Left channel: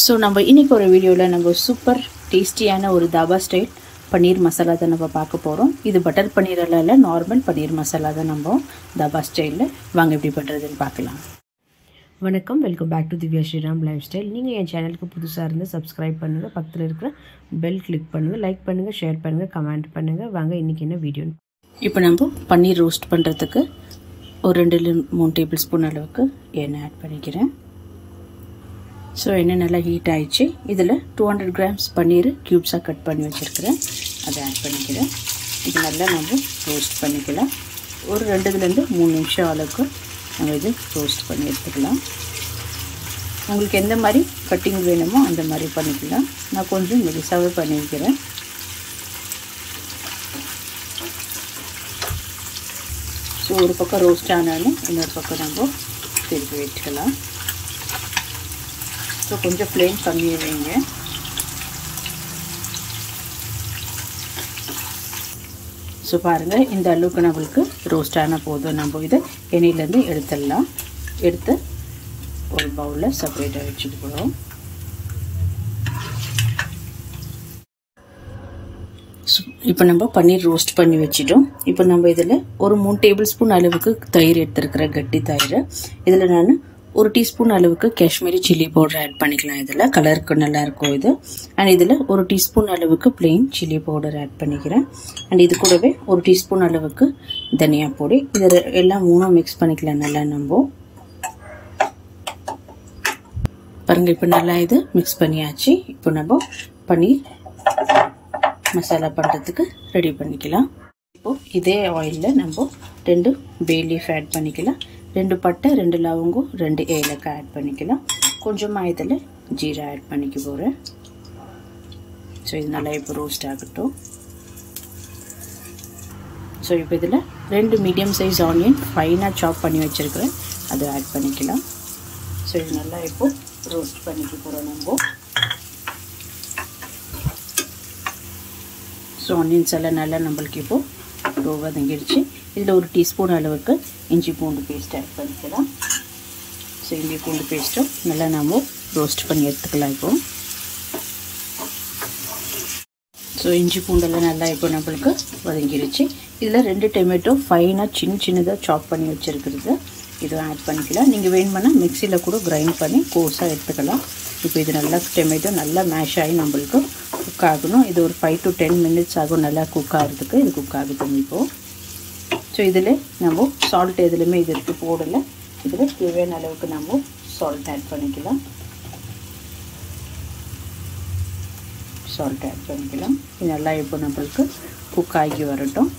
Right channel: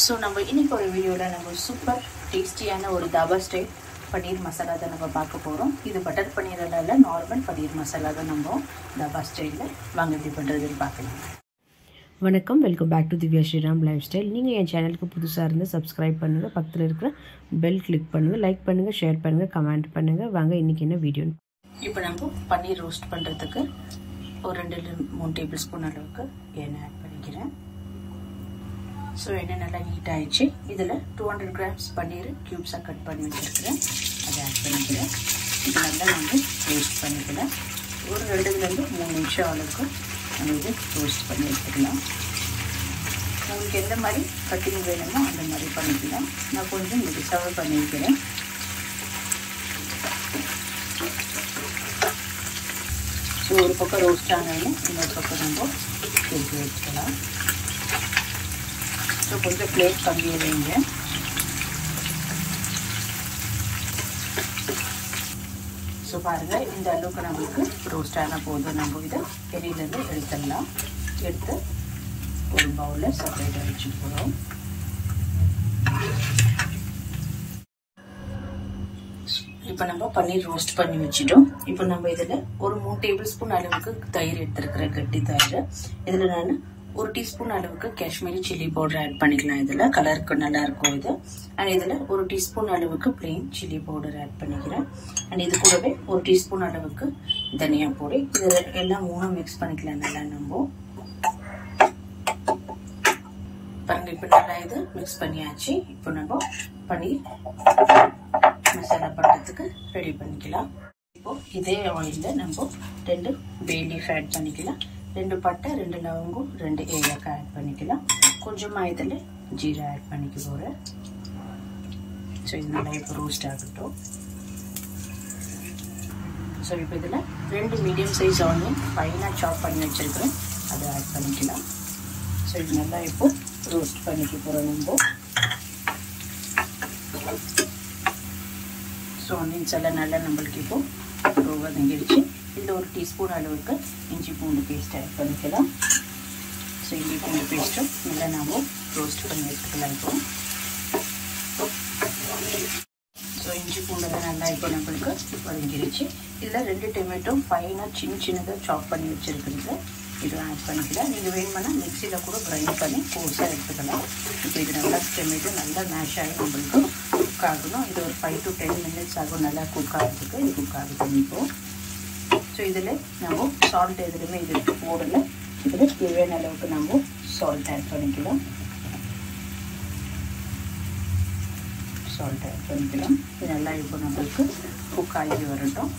So நம்ம இன்னைக்கு ஒரு வீடியோல நம்ம சூப்பர் டேஸ்டியான ஒரு தாபா ஸ்டைல் பன்னீர் மசாலா தான் நம்ம பார்க்க போறோம். இது பட்டர் பன்னீர் இல்ல நார்மல் பன்னீர் மசாலா தான் நம்ம தாபா ஸ்டைல்ல வாங்க எப்படி பண்றதுன்னு பார்க்கலாம். வணக்கம், welcome back to Divya Sriram lifestyle. நீங்கள் என் சேனலுக்கு புதுசாக இருந்து சப்ஸ்கிரைப் பண்ணுங்கள், பக்கத்தில் இருக்கிற பெல் கிளிக் பண்ணுங்கள், லைக் பண்ணுங்கள், ஷேர் பண்ணுங்கள், கமெண்ட் பண்ணுங்கள். வாங்க இன்றைக்கி என்ன வீடியோ. இப்போ நம்ம பன்னீர் ரோஸ்ட் பண்ணுறதுக்கு ஒரு 2-3 டேபிள் ஸ்பூன் அளவுக்கு எண்ணெய் ஆட் பண்ணிக்கிறேன். ஸோ எண்ணெய் நல்லா ஹீட் ஆகிடுச்சு. இதில் 200 கிராம்ஸ் பன்னீர் க்யூப்ஸாக கட் பண்ணி வச்சுருக்கிறேன், அதை ஆட் பண்ணிக்கிறேன். இது நல்லா நம்ம ரோஸ்ட் பண்ணிக்கலாம். ஒரு 2-3 நிமிஷம் அளவுக்கு நம்ம இது ரோஸ்ட் பண்ணி எடுத்துக்கலாம். உங்களுக்கு எந்த மாதிரி கட்டிங் வேணுமோ அந்த மாதிரி பண்ணிக்கலாம். நான் கொஞ்சம் மெலிசாவே பண்ணிக்கிறேன். ஸோ ஒரு பக்கம் ரோஸ்ட் ஆனாலும் இன்னொரு பக்கம் நம்ம திருப்பி வச்சுக்கலாம். ஸோ கொஞ்சம் ஃப்ளேம் கம்மியாக வைங்க. ஸோ பாருங்கள், இந்த அளவுக்கு நம்மளுக்கு ரோஸ்ட் ஆன போதும் நம்ம இதை எண்ணெயிலேருந்து எடுத்துடலாம். எடுத்து ஒரு பவுலில் செப்பரேட்டாக வச்சுட்டு போகிறோம். இப்போ நம்ம பன்னீர் ரோஸ்ட் பண்ணி வச்சிட்டோம். இப்போ நம்ம இதில் ஒரு 3 டேபிள் ஸ்பூன் அளவுக்கு தயிர் எடுத்துருக்கிற கட்டி தயிர். இதில் நான் 1 டீஸ்பூன் அளவுக்கு காஷ்மீரி சில்லி பவுடர் ஆட் பண்ணிக்கலாம். இதில் கலருக்கு நல்லா இருக்கும் இது. அண்ட் இதில் 1 டீஸ்பூன் அளவுக்கு பிளெயின் சில்லி பவுடர் ஆட் பண்ணிக்கிறேன். அண்ட் இது கூடவே 1 டீஸ்பூன் அளவுக்கு தனியா பொடி. இதில் எல்லாம் மூணாக மிக்ஸ் பண்ணிக்கலாம் நல்லா. நம்ம பாருங்க, இப்போ நல்லா இது மிக்ஸ் பண்ணியாச்சு. இப்போ நம்ம பன்னீர் மசாலா பண்ணுறதுக்கு ரெடி பண்ணிக்கலாம். இப்போ இதே ஆயிலில் நம்ம 2 பே லீஃப் ஆட் பண்ணிக்கலாம், 2 பட்டை, 2 லவங்கம், 2 ஏலக்காய் ஆட் பண்ணிக்கலாம். கொஞ்சமாக இதில் ஜீரா ஆட் பண்ணிக்க போகிறேன். ஸோ இது நல்லா இப்போ ரோஸ்ட் ஆகட்டும். ஸோ இப்போ இதில் 2 மீடியம் சைஸ் ஆனியன் ஃபைனாக சாப் பண்ணி வச்சுருக்கிறேன், அதை ஆட் பண்ணிக்கலாம். ஸோ இது நல்லா இப்போ ரோஸ்ட் பண்ணிக்க போகிறோம் நம்ம. ஸோ ஆனியன்ஸ் எல்லாம் நல்லா நம்மளுக்கு இப்போ வதங்கிடுச்சு. இதில் 1 டீஸ்பூன் அளவுக்கு இஞ்சி பூண்டு பேஸ்ட் ஆட் பண்ணிக்கலாம். ஸோ இஞ்சி பூண்டு பேஸ்ட்டும் நல்லா நம்ம ரோஸ்ட் பண்ணி எடுத்துக்கலாம். இப்போ ஸோ இஞ்சி பூண்டெல்லாம் நல்லா இப்போ நம்மளுக்கு வதங்கிடுச்சு. இதில் 2 டொமேட்டோ ஃபைனாக சின்னதாக சாப் பண்ணி வச்சுருக்கிறது இதை ஆட் பண்ணிக்கலாம். நீங்கள் வேணுமானா மிக்சியில் கூட கிரைண்ட் பண்ணி கோர்ஸாக எடுத்துக்கலாம். இப்போ இது நல்லா டொமேட்டோ நல்லா மேஷ் ஆகி நம்மளுக்கு குக் ஆகணும். இது ஒரு 5 to 10 மினிட்ஸ் ஆகும் நல்லா குக் ஆகிறதுக்கு. இது குக் ஆகுது இப்போது. ஸோ இதில் நம்ம சால்ட் எதுலையுமே இது இருக்குது போடலை. இதில் தேவையான அளவுக்கு நம்ம சால்ட் ஆட் பண்ணிக்கலாம். இது நல்லா இப்போ நம்மளுக்கு குக் ஆகி வரட்டும்.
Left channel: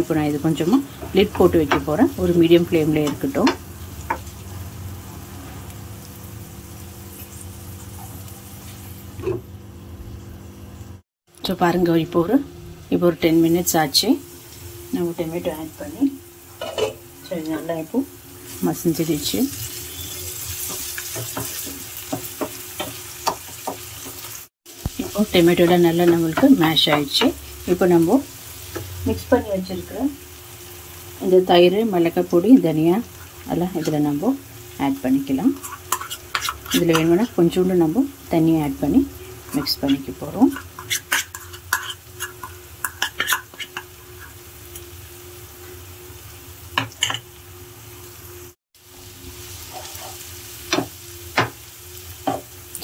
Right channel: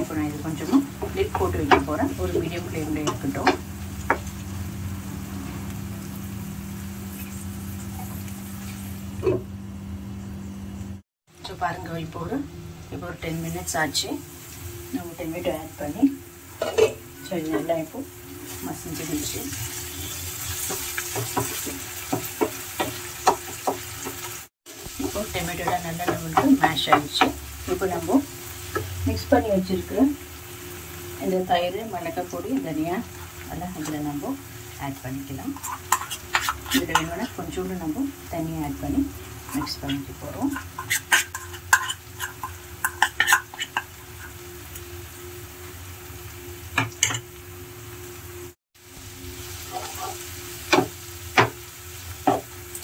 இப்போ நான் இது கொஞ்சமாக லிட் போட்டு வைக்க போகிறேன். ஒரு மீடியம் ஃப்ளேமில் இருக்கட்டும். ஸோ பாருங்கள், இப்போ ஒரு 10 மினிட்ஸ் ஆச்சு. நம்ம டொமேட்டோ ஆட் பண்ணி ஸோ இது நல்லா இப்போ மசிஞ்சிடுச்சு. இப்போ டொமேட்டோட நல்லா நம்மளுக்கு மேஷ் ஆயிடுச்சு. இப்போ நம்ம மிக்ஸ் பண்ணி வச்சுருக்கிற இந்த தயிர், மிளகாய் பொடி, தனியா எல்லாம் இதில் நம்ம ஆட் பண்ணிக்கலாம். இதில் வேணும்னா கொஞ்சோண்டு நம்ம தண்ணியை ஆட் பண்ணி மிக்ஸ் பண்ணிக்க போகிறோம்.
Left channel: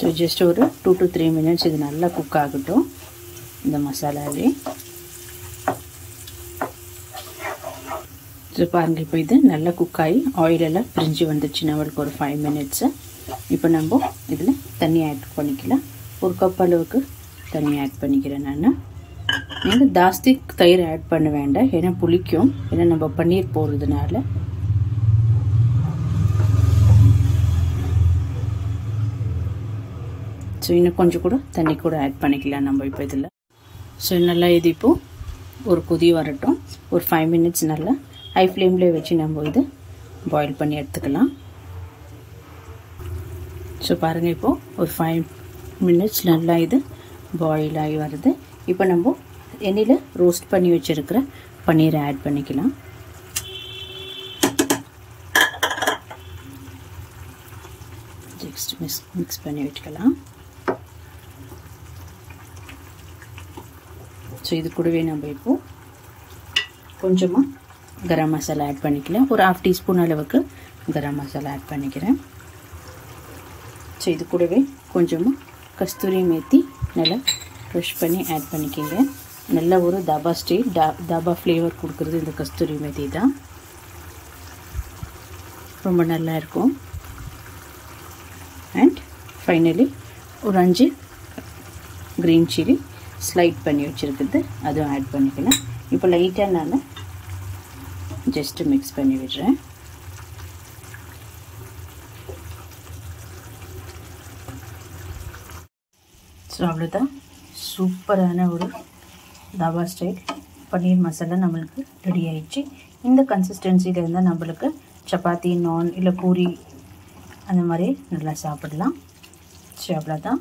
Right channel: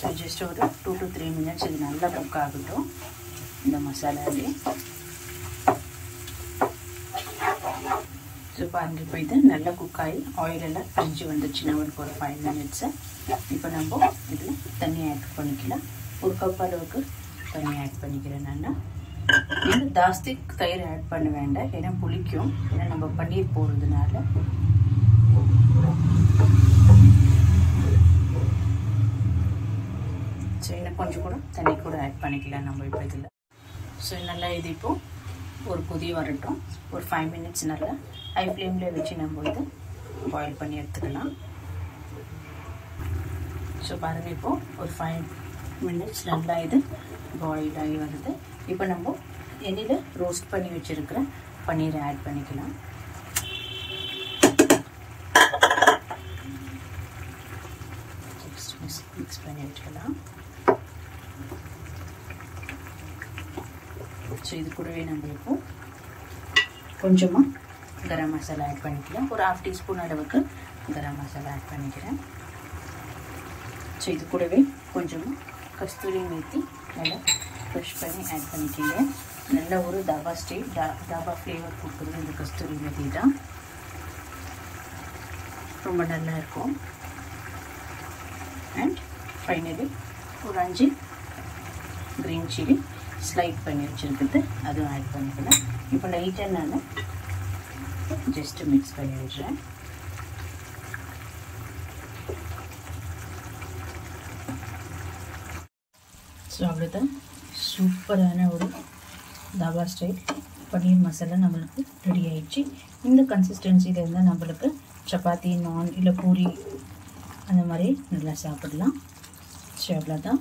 ஸோ ஜஸ்ட் ஒரு 2 to 3 மினிட்ஸ் இது நல்லா குக் ஆகட்டும் இந்த மசாலாவே. ஸோ பாருங்கள், இப்போ இது நல்லா குக் ஆகி ஆயிலெல்லாம் பிரிஞ்சு வந்துச்சு நம்மளுக்கு ஒரு 5 மினிட்ஸு. இப்போ நம்ம இதில் தண்ணி ஆட் பண்ணிக்கலாம். 1 கப் அளவுக்கு தண்ணி ஆட் பண்ணிக்கிறேன் நான். நீங்கள் ஜாஸ்தி தயிர் ஆட் பண்ண வேண்டாம், ஏன்னா புளிக்கும், ஏன்னா நம்ம பன்னீர் போடுறதுனால. ஸோ இன்னும் கொஞ்சம் கூட தண்ணி கூட ஆட் பண்ணிக்கலாம் நம்ம இப்போ இதில். ஸோ நல்லா இது இப்போது ஒரு கொதி வரட்டும். ஒரு 5 மினிட்ஸ் நல்லா ஹை ஃப்ளேமில் வச்சு நம்ம இது பாயில் பண்ணி எடுத்துக்கலாம். ஸோ பாருங்கள், இப்போது ஒரு 5 மினிட்ஸ் நல்லா இது பாயில் ஆகி வருது. இப்போ நம்ம எண்ணெயில் ரோஸ்ட் பண்ணி வச்சுருக்கிற பன்னீரை ஆட் பண்ணிக்கலாம். மிக்ஸ் பண்ணி விட்டுக்கலாம். ஸோ இது கூடவே நம்ம இப்போ கொஞ்சமாக கரம் மசாலா ஆட் பண்ணிக்கலாம். ஒரு 1/2 டீஸ்பூன் அளவுக்கு கரம் மசாலா ஆட் பண்ணிக்கிறேன். ஸோ இது கூடவே கொஞ்சமாக கஸ்தூரி மேத்தி நல்லா க்ரஷ் பண்ணி ஆட் பண்ணிக்கோங்க. நல்ல ஒரு தாபா ஸ்டைல் தாபா ஃப்ளேவர் கொடுக்குறது இந்த கஸ்தூரி மேத்தி தான். ரொம்ப நல்லா இருக்கும். அண்ட் ஃபைனலி ஒரு 5 க்ரீன் சில்லி ஸ்லைட் பண்ணி வச்சுருக்குது அதுவும் ஆட் பண்ணிக்கலாம். இப்போ லைட்டாக நான் ஜஸ்ட்டு மிக்ஸ் பண்ணி விடுறேன். ஸோ அவ்வளோதான், சூப்பரான ஒரு தாபா ஸ்டைல் பன்னீர் மசாலா நம்மளுக்கு ரெடி ஆயிடுச்சு. இந்த கன்சிஸ்டன்சியில் இருந்தால் நம்மளுக்கு சப்பாத்தி, நான் இல்லை பூரி அந்த மாதிரி நல்லா சாப்பிடலாம். ஸோ அவ்வளோதான்.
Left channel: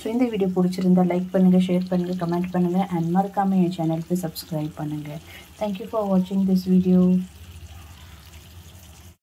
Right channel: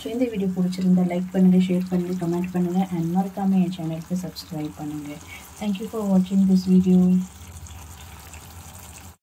ஸோ இந்த வீடியோ பிடிச்சிருந்தால் லைக் பண்ணுங்கள், ஷேர் பண்ணுங்கள், கமெண்ட் பண்ணுங்கள் அண்ட் மறக்காமல் என் சேனலுக்கு சப்ஸ்கிரைப் பண்ணுங்கள். தேங்க்யூ ஃபார் வாட்சிங் திஸ் வீடியோ.